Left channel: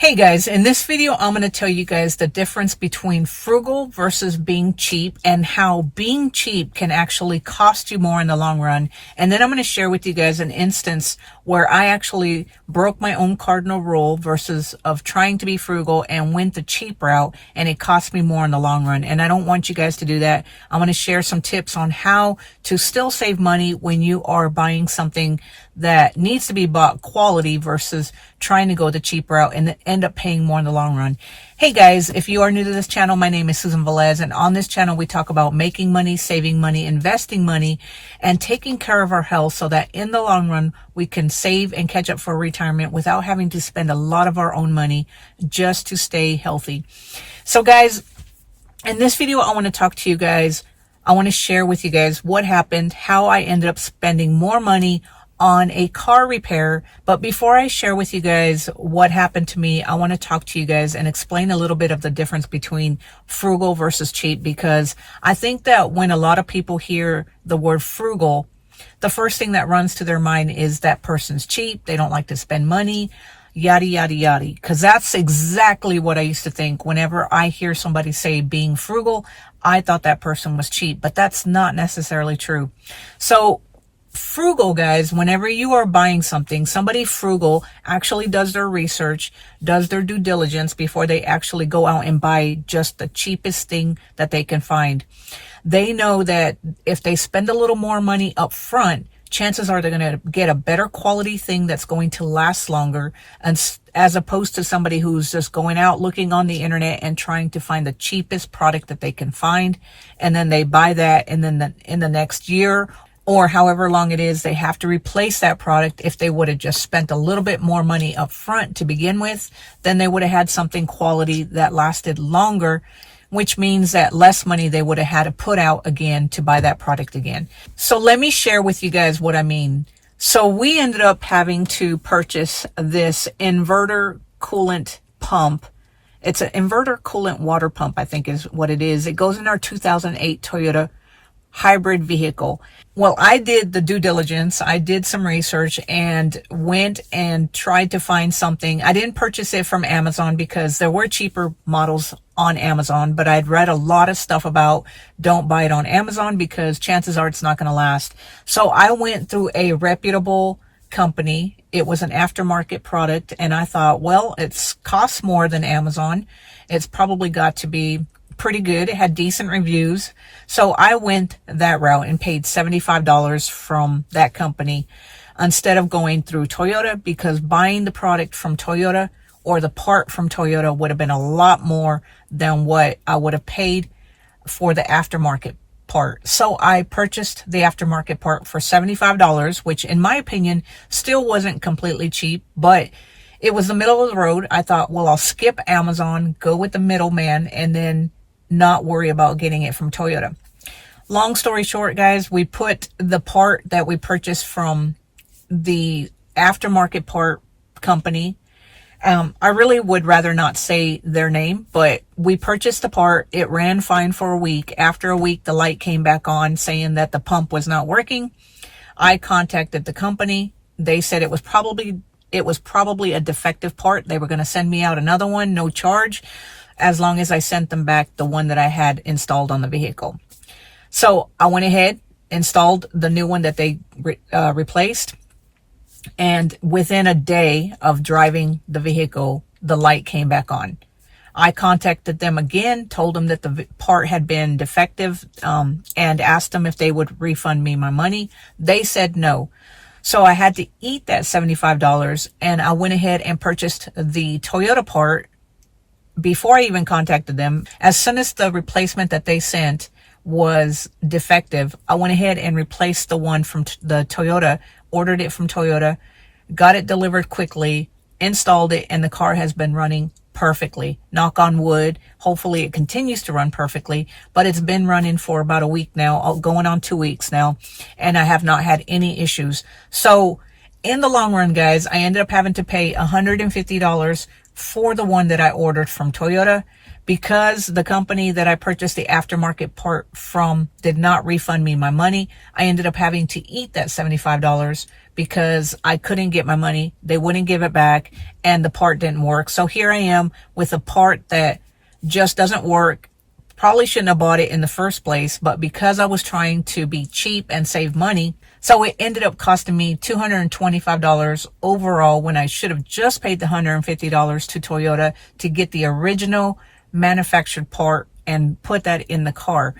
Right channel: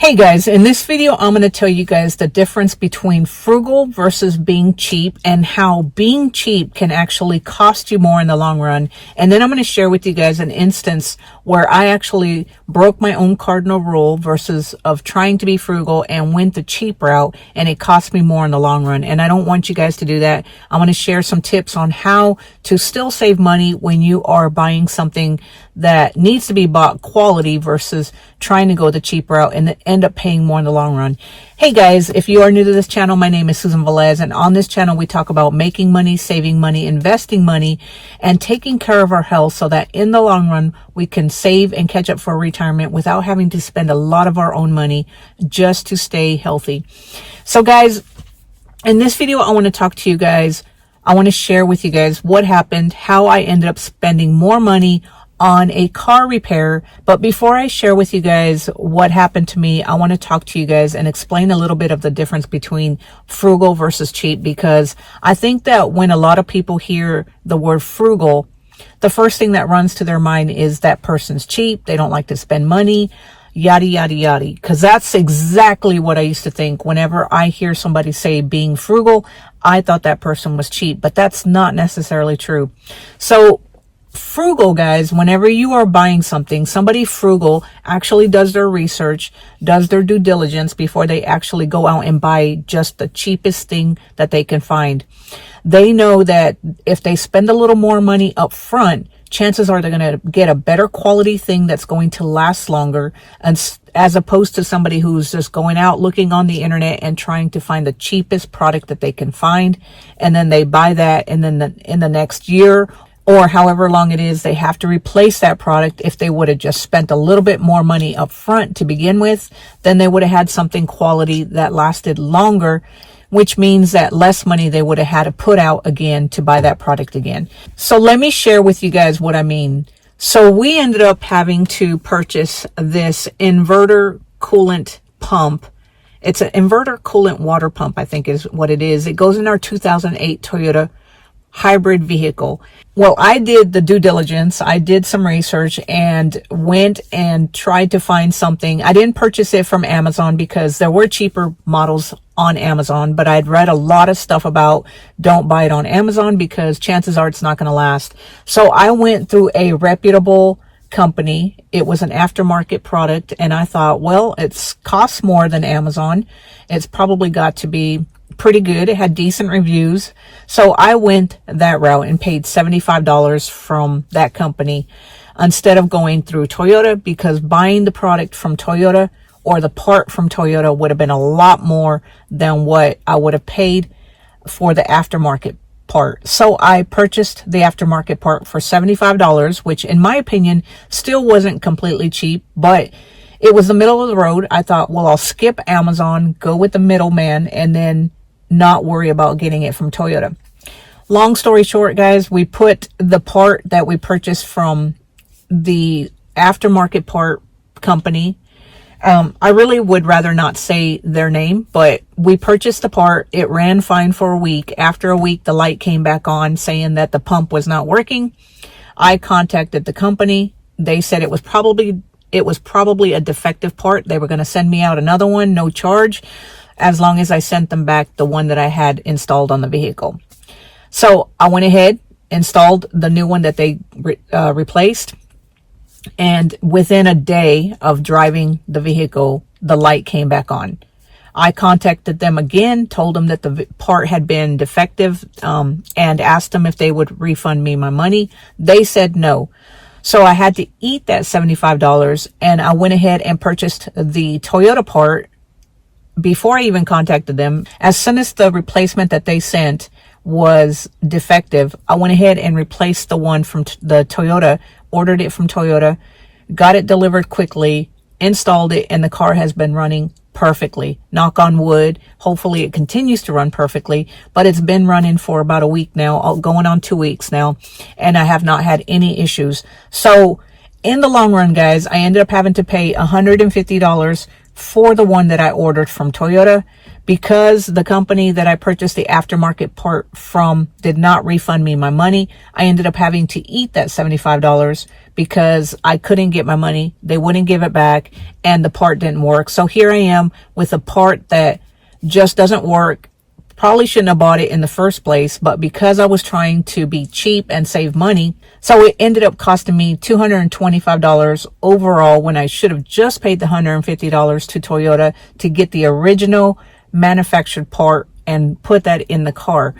Hey guys, in this video, I'm going to tell you guys the difference between frugal versus being cheap and how being cheap can actually cost you more in the long run. And then I'm going to share with you guys an instance where I actually broke my own cardinal rule versus of trying to be frugal and went the cheap route, and it cost me more in the long run. And I don't want you guys to do that. I'm going to share some tips on how to still save money when you are buying something that needs to be bought quality versus trying to go the cheap route and end up paying more in the long run. Hey guys, if you are new to this channel, my name is Susan Velez, and on this channel we talk about making money, saving money, investing money, and taking care of our health so that in the long run we can save and catch up for retirement without having to spend a lot of our own money just to stay healthy. So guys, in this video I want to talk to you guys. I want to share with you guys what happened, how I ended up spending more money on a car repair. But before I share with you guys what happened to me, I want to talk to you guys and explain a little bit of the difference between frugal versus cheap, because I think that when a lot of people hear the word frugal, the first thing that runs to their mind is that person's cheap, they don't like to spend money, yada, yada, yada. Because that's exactly what I used to think. Whenever I hear somebody say being frugal, I thought that person was cheap, but that's not necessarily true. So frugal, guys, whenever you are buying something, somebody frugal actually does their research, does their due diligence before they actually go out and buy just the cheapest thing that they can find. They know that if they spend a little more money up front, chances are they're going to get a better quality thing that's going to last longer, and as opposed to somebody who's just going out looking on the internet and trying to find the cheapest product that they can find, and then they buy that, and then in the next year or however long it is, they have to replace that product. If they would have just spent a little bit more money up front to begin with, then they would have had something quality that lasted longer, which means that less money they would have had to put out again to buy that product again. So let me share with you guys what I mean. So we ended up having to purchase this inverter coolant pump. It's an inverter coolant water pump, I think is what it is. It goes in our 2008 Toyota hybrid vehicle. Well, I did the due diligence. I did some research and went and tried to find something. I didn't purchase it from Amazon because there were cheaper models on Amazon, but I'd read a lot of stuff about don't buy it on Amazon because chances are it's not going to last. So I went through a reputable company. It was an aftermarket product, and I thought, well, it's costs more than Amazon. It's probably got to be pretty good. It had decent reviews. So I went that route and paid $75 from that company instead of going through Toyota, because buying the product from Toyota or the part from Toyota would have been a lot more than what I would have paid for the aftermarket part. So I purchased the aftermarket part for $75, which in my opinion still wasn't completely cheap, but it was the middle of the road. I thought, well, I'll skip Amazon, go with the middleman, and then not worry about getting it from Toyota. Long story short, guys, we put the part that we purchased from the aftermarket part company. I really would rather not say their name, but we purchased the part. It ran fine for a week. After a week, the light came back on saying that the pump was not working. I contacted the company. They said it was probably a defective part. They were going to send me out another one, no charge, as long as I sent them back the one that I had installed on the vehicle. So I went ahead, installed the new one that they replaced. And within a day of driving the vehicle, the light came back on. I contacted them again, told them that the part had been defective, and asked them if they would refund me my money. They said no. So I had to eat that $75, and I went ahead and purchased the Toyota part before I even contacted them. As soon as the replacement that they sent was defective, I went ahead and replaced the one from the Toyota, ordered it from Toyota, got it delivered quickly, installed it, and the car has been running perfectly. Knock on wood. Hopefully it continues to run perfectly, but it's been running for about a week now, going on 2 weeks now, and I have not had any issues. So in the long run, guys, I ended up having to pay $150 for the one that I ordered from Toyota, because the company that I purchased the aftermarket part from did not refund me my money. I ended up having to eat that $75 because I couldn't get my money. They wouldn't give it back and the part didn't work. So here I am with a part that just doesn't work. Probably shouldn't have bought it in the first place, but because I was trying to be cheap and save money, so it ended up costing me $225 overall when I should have just paid the $150 to Toyota to get the original manufactured part and put that in the car.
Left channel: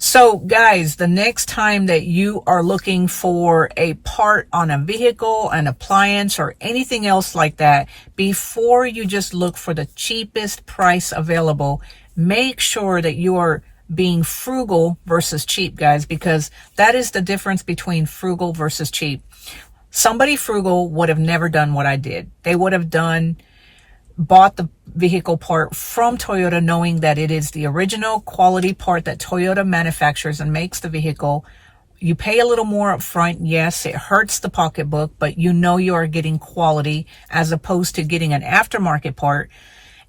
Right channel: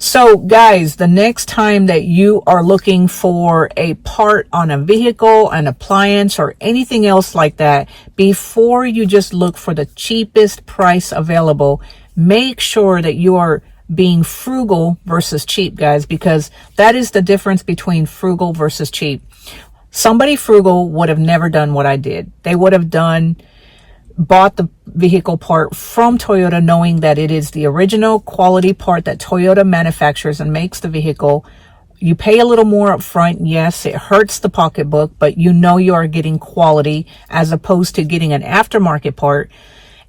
So guys, the next time that you are looking for a part on a vehicle, an appliance, or anything else like that, before you just look for the cheapest price available, make sure that you are being frugal versus cheap, guys, because that is the difference between frugal versus cheap. Somebody frugal would have never done what I did. They would have bought the vehicle part from Toyota, knowing that it is the original quality part that Toyota manufactures and makes the vehicle. You pay a little more up front. Yes, it hurts the pocketbook, but you know you are getting quality as opposed to getting an aftermarket part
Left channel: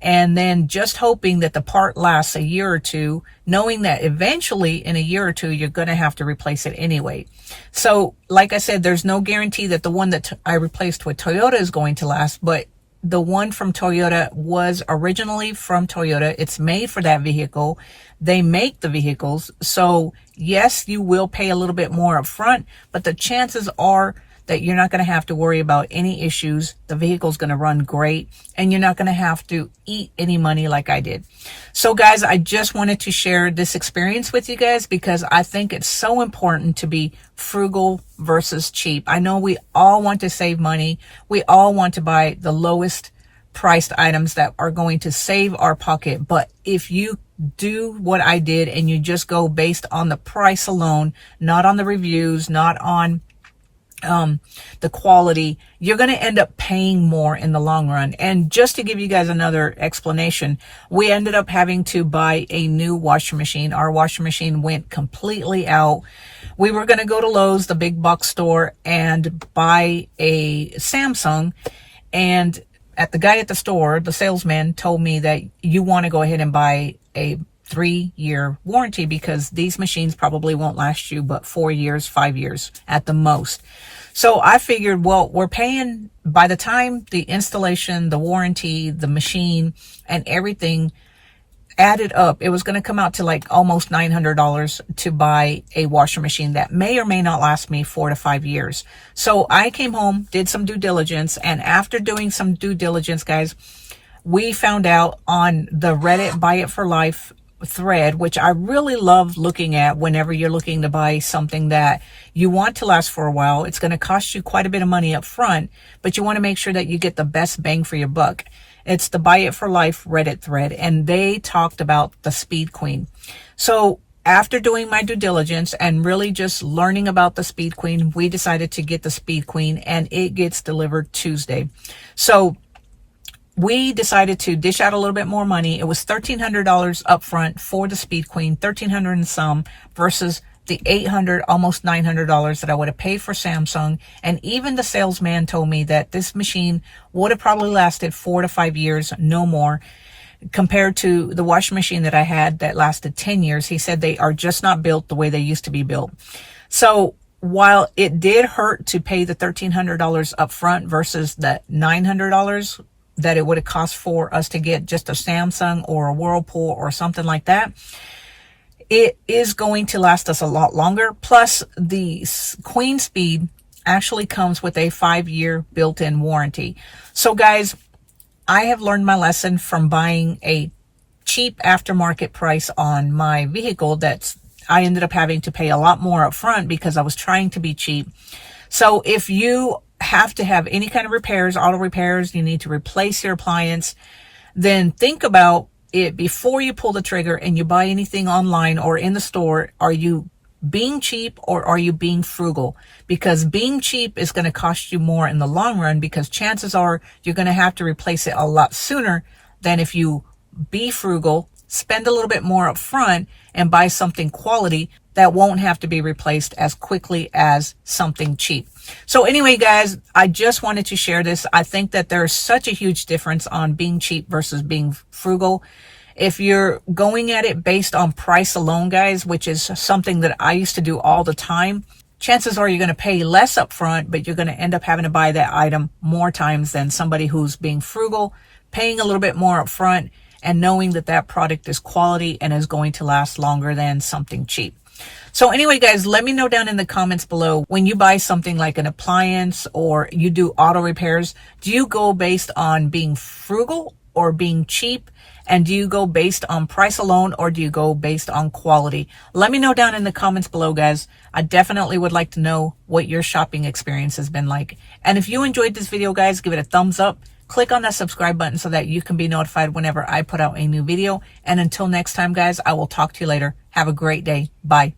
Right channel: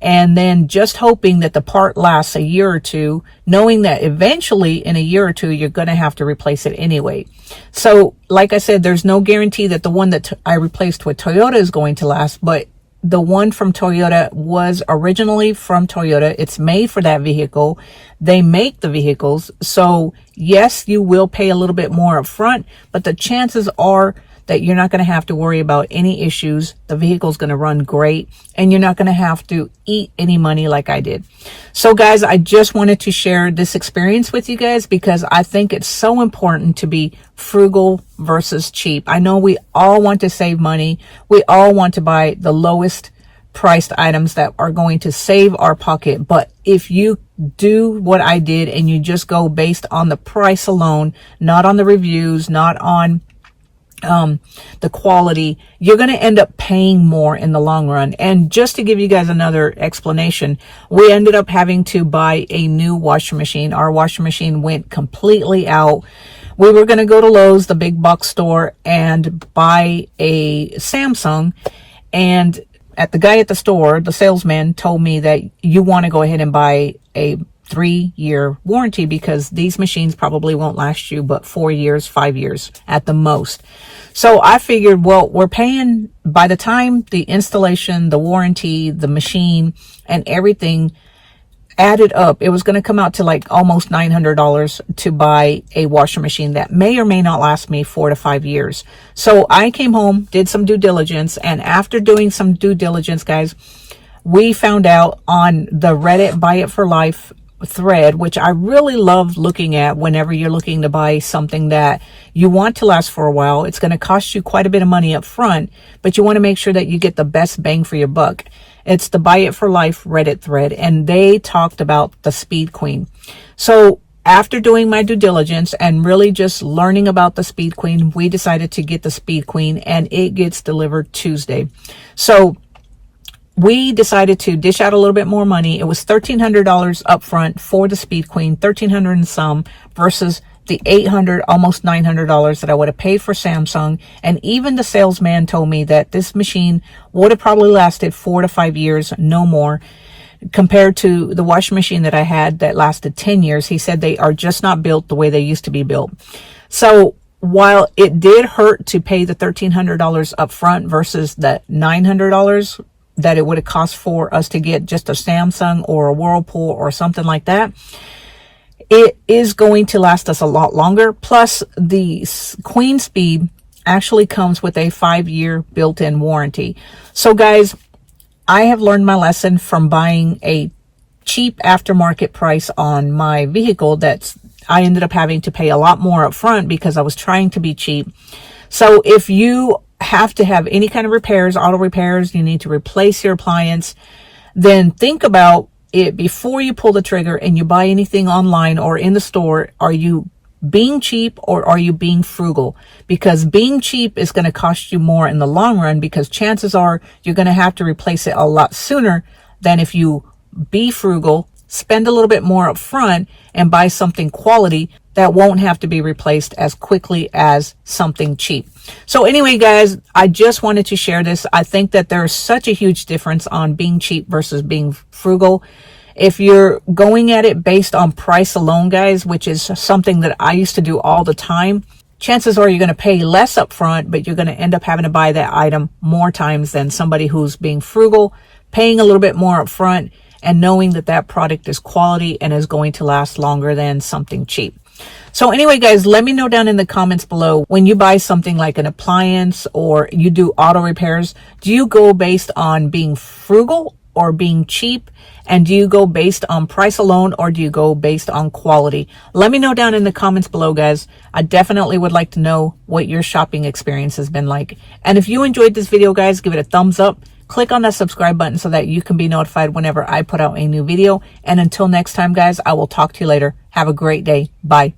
and then just hoping that the part lasts a year or two, knowing that eventually in a year or two, you're going to have to replace it anyway. So like I said, there's no guarantee that the one that I replaced with Toyota is going to last, but the one from Toyota was originally from Toyota. It's made for that vehicle. They make the vehicles. So yes, you will pay a little bit more up front, but the chances are that you're not going to have to worry about any issues. The vehicle's going to run great and you're not going to have to eat any money like I did. So guys, I just wanted to share this experience with you guys because I think it's so important to be frugal versus cheap. I know we all want to save money. We all want to buy the lowest priced items that are going to save our pocket. But if you do what I did and you just go based on the price alone, not on the reviews, not on the quality, you're going to end up paying more in the long run. And just to give you guys another explanation, we ended up having to buy a new washing machine. Our washing machine went completely out. We were going to go to Lowe's, the big box store, and buy a Samsung. And the guy at the store, the salesman, told me that you want to go ahead and buy a 3-year warranty because these machines probably won't last you but 4 years, 5 years at the most. So I figured, well, we're paying, by the time the installation, the warranty, the machine, and everything added up, it was going to come out to like almost $900 to buy a washer machine that may or may not last me 4 to 5 years. So I came home, did some due diligence, and after doing some due diligence, guys, we found out on the Reddit Buy It for Life thread, which I really love looking at whenever you're looking to buy something that you want to last for a while. It's going to cost you quite a bit of money up front, but you want to make sure that you get the best bang for your buck. It's the Buy It for Life Reddit thread, and they talked about the Speed Queen. So after doing my due diligence and really just learning about the Speed Queen, we decided to get the Speed Queen, and it gets delivered Tuesday. So we decided to dish out a little bit more money. It was $1,300 up front for the Speed Queen, $1,300 and some, versus the $800, almost $900 that I would have paid for Samsung. And even the salesman told me that this machine would have probably lasted 4 to 5 years, no more, compared to the washing machine that I had that lasted 10 years. He said they are just not built the way they used to be built. So while it did hurt to pay the $1,300 up front versus the $900 that it would have cost for us to get just a Samsung or a Whirlpool or something like that, it is going to last us a lot longer. Plus, the Queen Speed actually comes with a 5-year built-in warranty. So guys, I have learned my lesson from buying a cheap aftermarket price on my vehicle that I ended up having to pay a lot more up front because I was trying to be cheap. So if you have to have any kind of repairs, auto repairs, you need to replace your appliance, then think about it before you pull the trigger and you buy anything online or in the store. Are you being cheap or are you being frugal? Because being cheap is going to cost you more in the long run, because chances are you're going to have to replace it a lot sooner than if you be frugal, spend a little bit more up front, and buy something quality that won't have to be replaced as quickly as something cheap. So anyway, guys, I just wanted to share this. I think that there's such a huge difference on being cheap versus being frugal. If you're going at it based on price alone, guys, which is something that I used to do all the time, chances are you're going to pay less upfront, but you're going to end up having to buy that item more times than somebody who's being frugal, paying a little bit more upfront, and knowing that that product is quality and is going to last longer than something cheap. So anyway, guys, let me know down in the comments below, when you buy something like an appliance or you do auto repairs, do you go based on being frugal or being cheap? And do you go based on price alone, or do you go based on quality? Let me know down in the comments below, guys. I definitely would like to know what your shopping experience has been like. And if you enjoyed this video, guys, give it a thumbs up. Click on that subscribe button so that you can be notified whenever I put out a new video. And until next time, guys, I will talk to you later. Have a great day. Bye.